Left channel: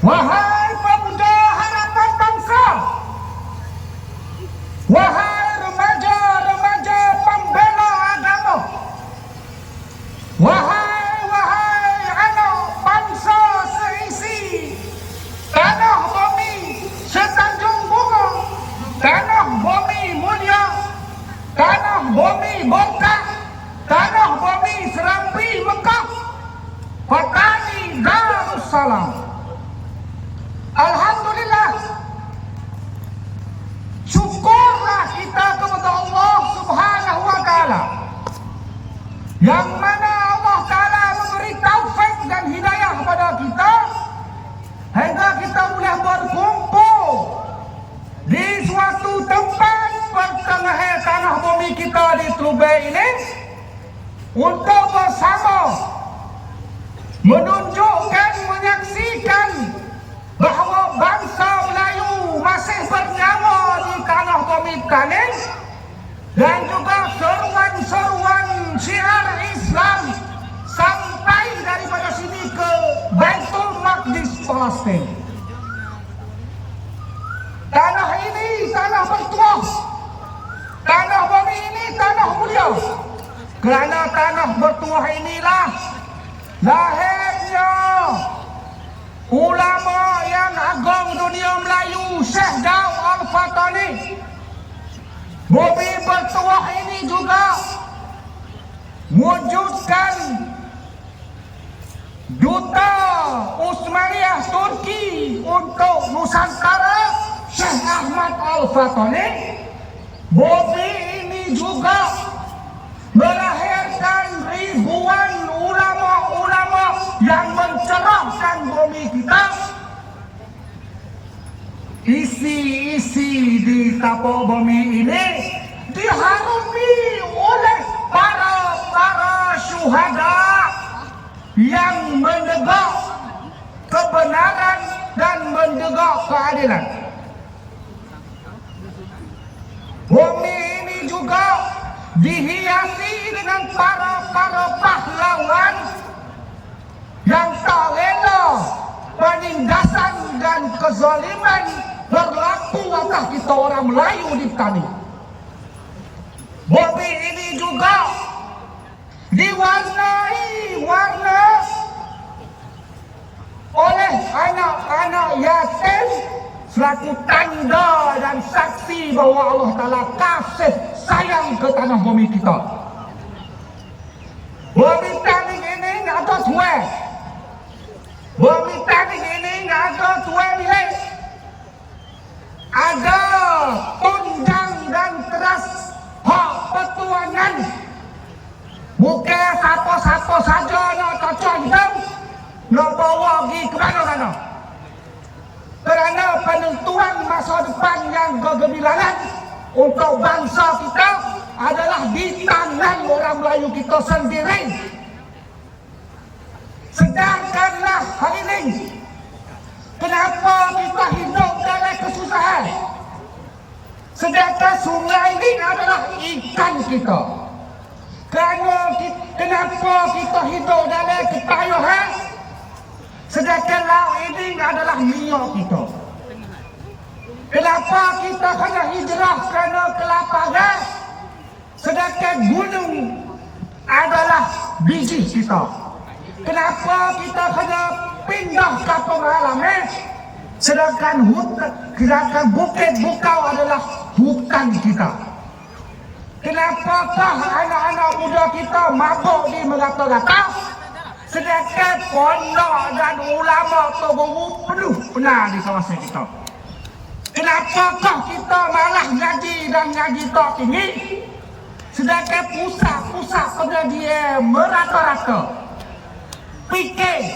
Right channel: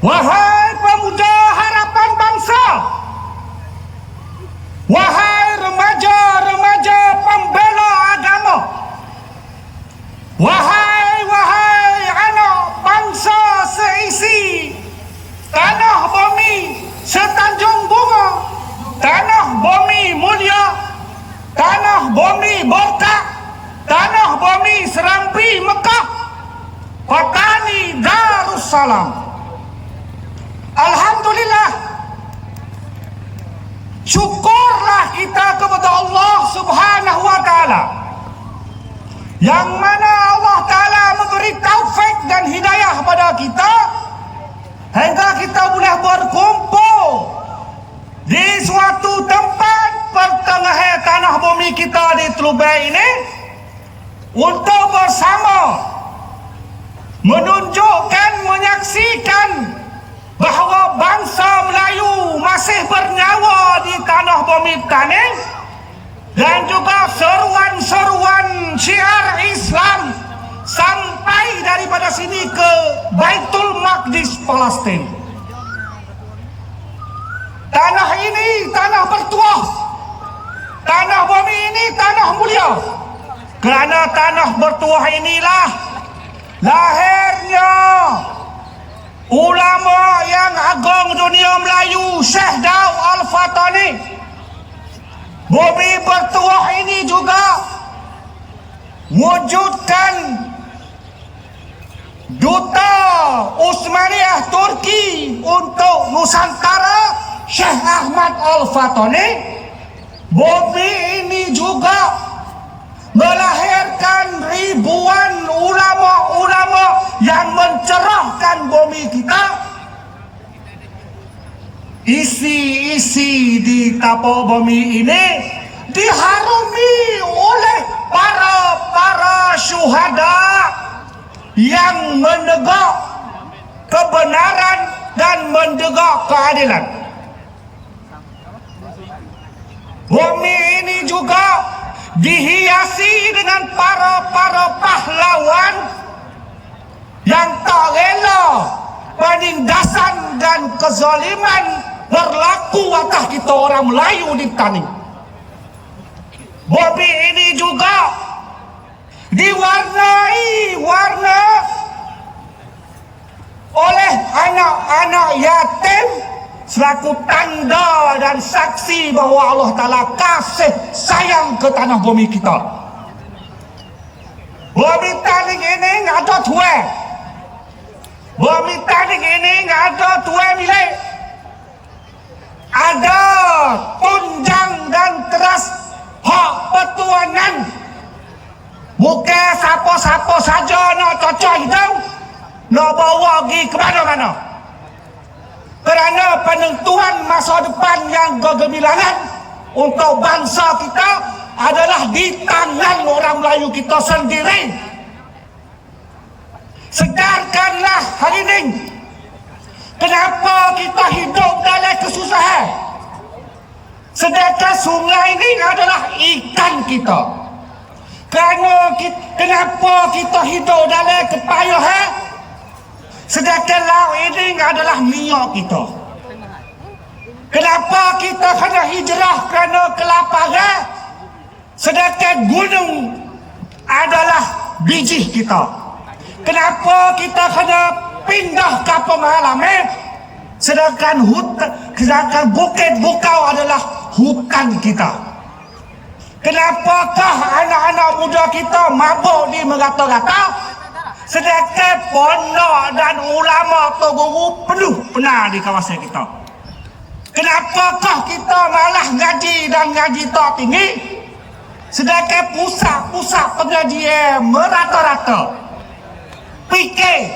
Wahai pemuda harapan bangsa, wahai remaja-remaja pembela agama, wahai anak bangsa seisi tanah bumi setanjung bunga, tanah bumi mulia, tanah bumi berkah, tanah bumi Serambi Mekah, Petani Darussalam. Alhamdulillah, syukurlah kita kepada Allah Subhanahu wa Ta'ala, yang mana Allah Ta'ala memberi taufik dan hidayah pada kita hingga kita boleh berkumpul di suatu tempat pertengahan tanah bumi kita di Telubeh ini untuk bersama menunjukkan, menyaksikan bahawa bangsa Melayu masih bernyawa di tanah bumi Tanim, dan juga seruan-seruan syiar Islam sampai daripada sini ke Baitul Maqdis Palestin. Tanah ini tanah bertuah, tanah bumi ini tanah mulia. Kerana tanah bertuah inilah lahirnya ulama yang agung dunia Melayu, Syekh Daud Al-Fatani. Bumi bertuah ini juga wujudkan Duta Utsmaniyah Turki untuk Nusantara, Syekh Ahmad Al-Fatani. Bumi ini juga melahirkan ribuan ulama-ulama yang mencerahkan bumi kita. Isi-isi di tapak bumi ini diharumi oleh para syuhada yang menegak kebenaran dan menegak keadilan. Bumi ini juga dihiasi dengan para pahlawan yang tak rela penindasan dan kezaliman berlaku atas kita orang Melayu di Tanim. Bumi ini juga diwarnai oleh anak-anak yatim selaku tanda dan saksi bahawa Allah Ta'ala kasih sayang ke tanah bumi kita. Bumi Tanim ini ada tuan. Bumi Tanim ini ada tuan milik. Ada tunjang dan teras hak pertuanan. Bukan siapa-siapa saja nak cocok hidup, nak bawa pergi ke mana-mana. Kerana penentuan masa depan yang kegemilangan untuk bangsa kita adalah di tangan orang Melayu kita sendiri. Sedarkanlah hari ini kenapa kita hidup dalam kesusahan, sedangkan sungai ini adalah ikan kita. Kenapa kita hidup dalam kepayahan, sedangkan laut ini adalah minyak kita. Kenapa kita kena hijrah kerana kelaparan, sedangkan gunung adalah biji kita. Kenapa kita kena pindah ke pengalaman, sedangkan bukit bukau adalah hutan kita. Kenapakah anak-anak muda kita mabuk di merata-rata, sedangkan pondok dan ulama atau guru penuh benar di kawasan kita? Kenapakah kita malah ngaji dan ngaji tak tinggi, sedangkan pusat-pusat pengajian merata-rata? Fikir,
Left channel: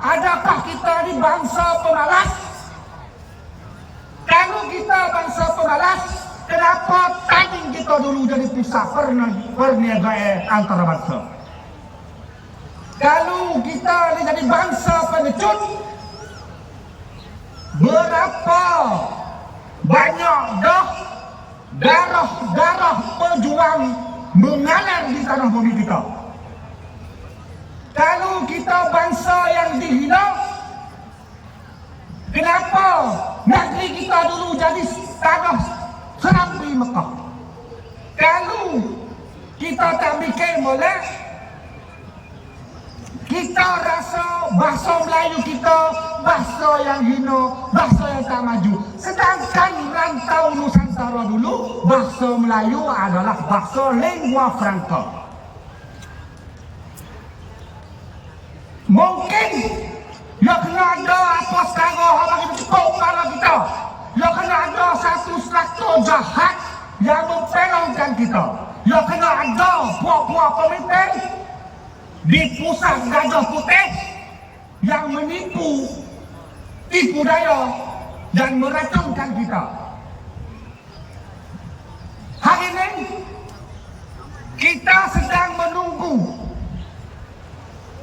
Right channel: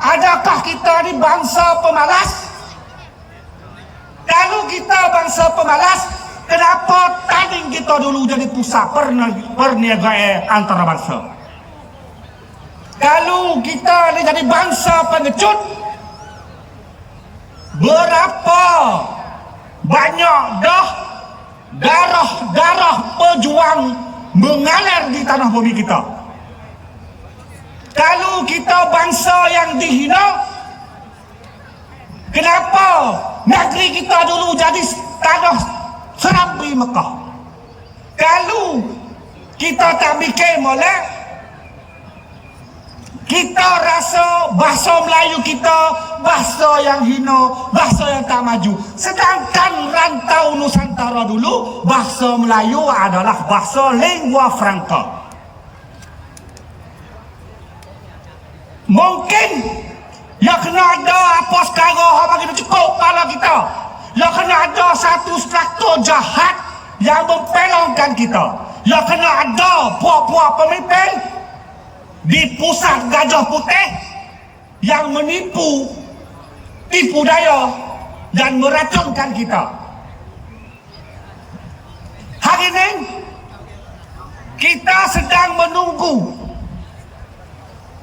adakah kita ni bangsa pemalas? Kalau kita bangsa pemalas, kenapa tanding kita dulu jadi pusat perniagaan antara bangsa? Kalau kita ni jadi bangsa pengecut, berapa banyak darah pejuang mengalir di tanah bumi kita? Kalau kita bangsa yang dihina, kita dulu jadi tanah Serambi Mekah. Kalau kita tak mikir molek, kita rasa bahasa Melayu kita bahasa yang hina, bahasa yang tak maju. Sedangkan rantau Nusantara dulu, bahasa Melayu adalah bahasa lingua franca. Mungkin ya kena ada apa sekarang yang bagi cukup kepala kita. Ya kena ada satu struktur jahat yang mempelongkan kita. Ya kena ada buah-buah pemimpin di pusat Gajah Putih yang menipu, tipu daya dan meracunkan kita. Hari ini kita sedang menunggu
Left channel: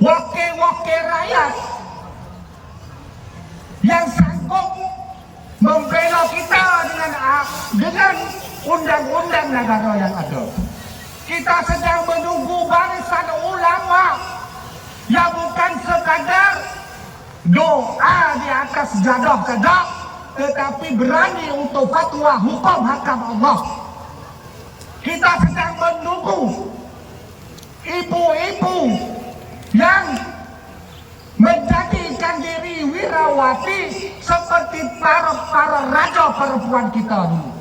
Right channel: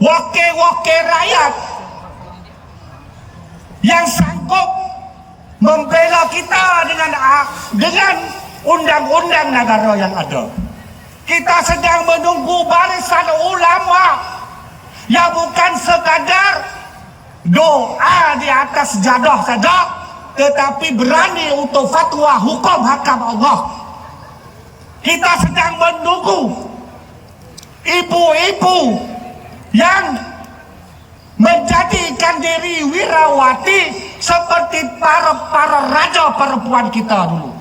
wakil-wakil rakyat yang sanggup membela kita dengan undang-undang negara yang ada. Kita sedang menunggu barisan ulama yang bukan sekadar doa di atas sejadah saja, tetapi berani untuk fatwa hukum hakam Allah. Kita sedang menunggu ibu-ibu yang menjadikan diri wirawati seperti para raja perempuan kita dulu.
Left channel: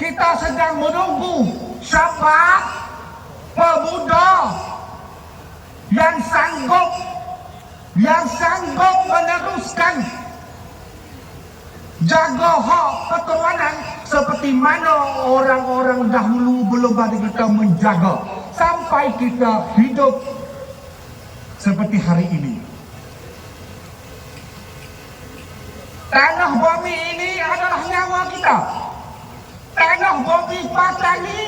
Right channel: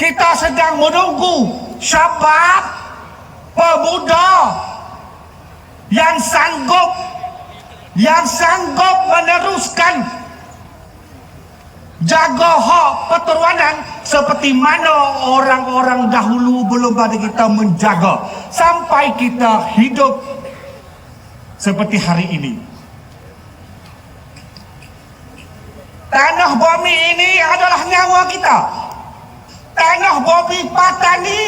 Kita sedang menunggu syabab pemuda yang sanggup meneruskan jaga hak keturunan seperti mana orang-orang dahulu belum ada kita menjaga sampai kita hidup seperti hari ini. Tanah bumi ini adalah nyawa kita. Tanah bumi Patani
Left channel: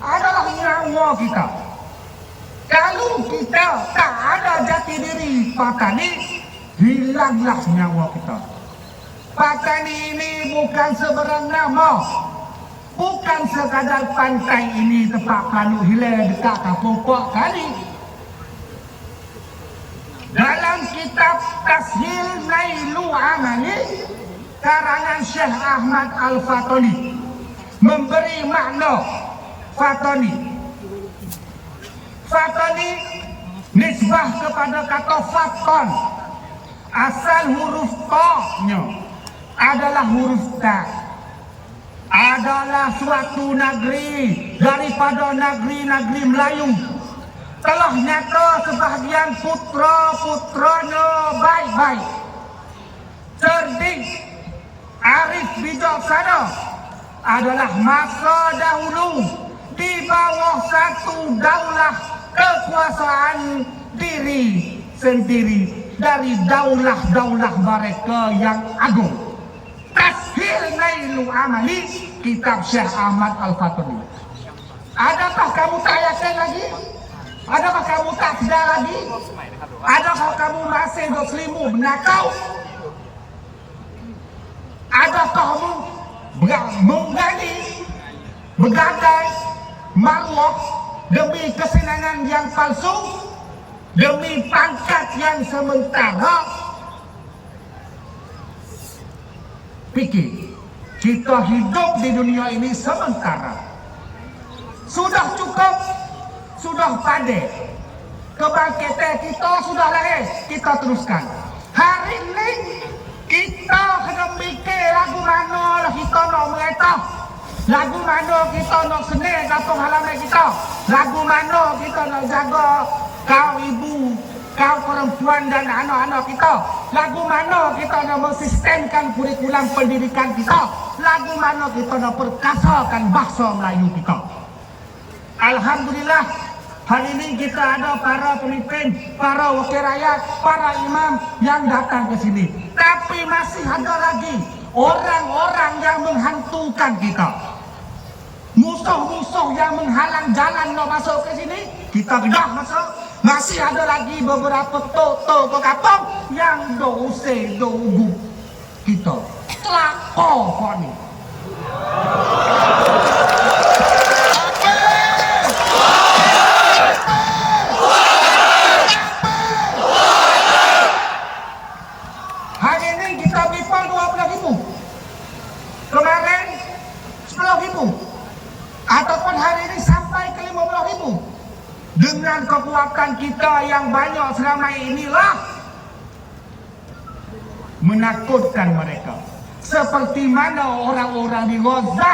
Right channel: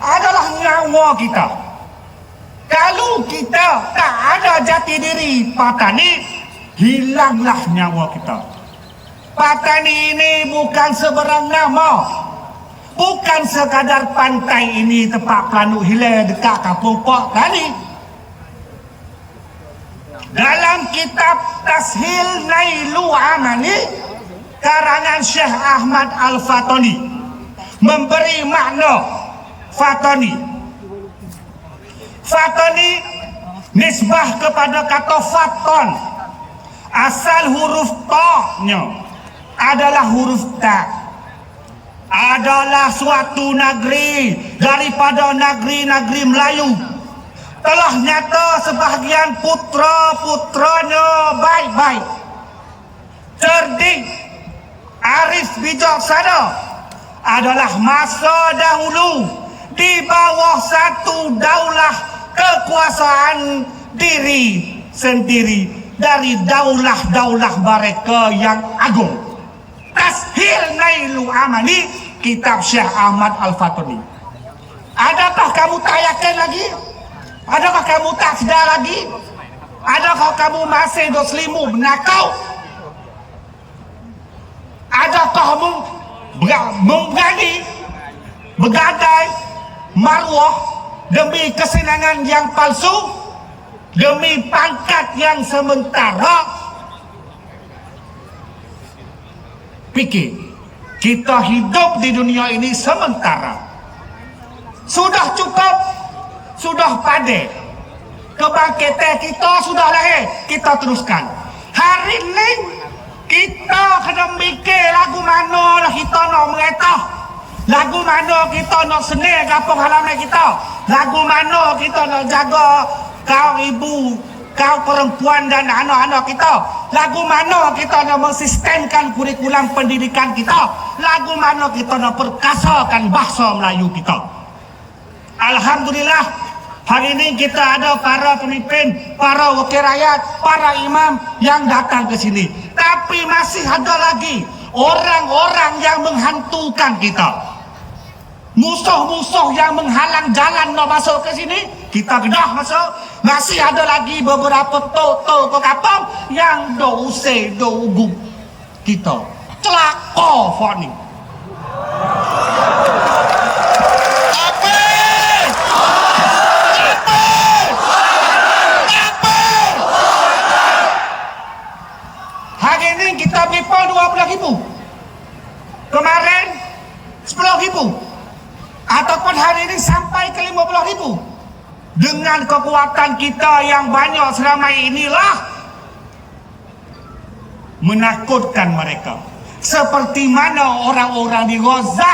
adalah nyawa kita. Kalau kita tak ada jati diri Patani, hilanglah nyawa kita. Patani ini bukan sebarang nama, bukan sekadar pantai ini tempat Panu Hilir dekat Kampung Pok Kali. Dalam kitab Tashil Nailu Amali karangan Syekh Ahmad Al-Fatani memberi makna Fatani. Fatani nisbah kepada kata Fatan. Asal huruf ta-nya adalah huruf ta. Adalah suatu negeri daripada negeri-negeri Melayu. Telah nyata sebahagian putra-putranya baik-baik, cerdik, arif bijaksana, adalah masa dahulu di bawah satu daulah kekuasaan diri sendiri dari daulah-daulah mereka yang agung. Tashil Nailu Amali, kitab Syekh Ahmad Al-Fatani. Adakah kamu tak yakin lagi? Adakah kamu tak sedar lagi? Adakah kamu masih berselimu benakau? Adakah kamu berani bergadai maruah demi kesenangan yang palsu, demi pangkat yang sementara? Pikir, kita hidup di dunia ini sementara. Sudah cukup, sudah pandai. Kebangkitan kita sudah lahir, kita teruskan. Hari ini kita kena mikir lagu mana lah kita nak meretah, lagu mana kita nak seni kampung halaman kita, lagu mana kita nak jaga kau ibu, kau perempuan dan anak-anak kita, lagu mana kita nak mensistemkan kurikulum pendidikan kita, lagu mana kita nak perkasakan bahasa Melayu kita. Alhamdulillah, hari ini kita ada para pemimpin, para wakil rakyat, para imam yang datang ke sini. Tapi masih ada lagi orang-orang yang menghantukan kita. Musuh-musuh yang menghalang jalan nak masuk ke sini, kita kedah masuk. Masih ada lagi beberapa toto ke kapal yang dousai doubu kita. Celaka Fani. Kemarin 10.000 ataupun hari ini sampai ke 50.000. Dengan kekuatan kita yang banyak selama inilah menakutkan mereka. Seperti mana orang-orang di Gaza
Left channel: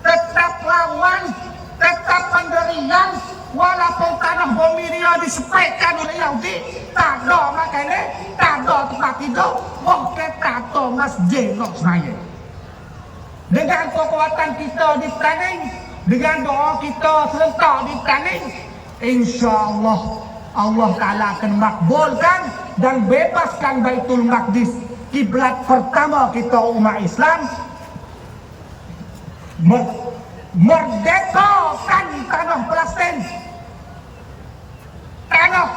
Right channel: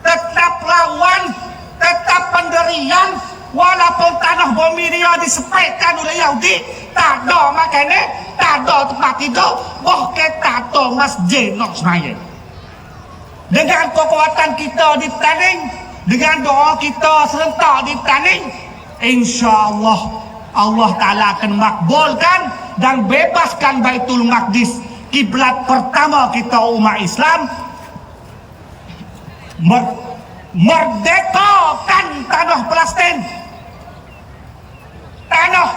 tetap lawan, tetap pendirian, walaupun tanah bumi dia disepetkan oleh Yahudi, tak ada makanan, tak ada tempat tidur, bahkan tak ada masjid nak sembahyang. Dengan kekuatan kita di Taning, dengan doa kita serentak di Taning, insya-Allah Allah Ta'ala akan makbulkan dan bebaskan Baitul Maqdis, kiblat pertama kita umat Islam. Merdekakan tanah Palestin, tanah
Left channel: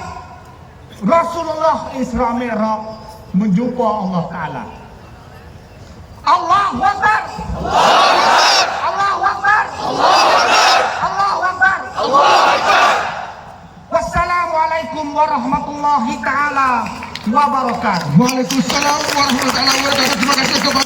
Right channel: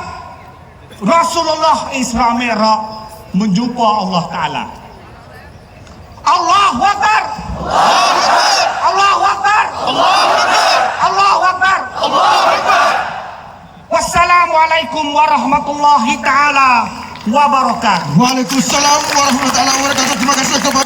Rasulullah Isra Mi'raj menjumpa Allah Ta'ala. Allahu Akbar, Allahu Akbar, Allahu Akbar. Wassalamualaikum warahmatullahi ta'ala wabarakatuh. Waalaikumsalam warahmatullahi wabarakatuh. Terima kasih kepada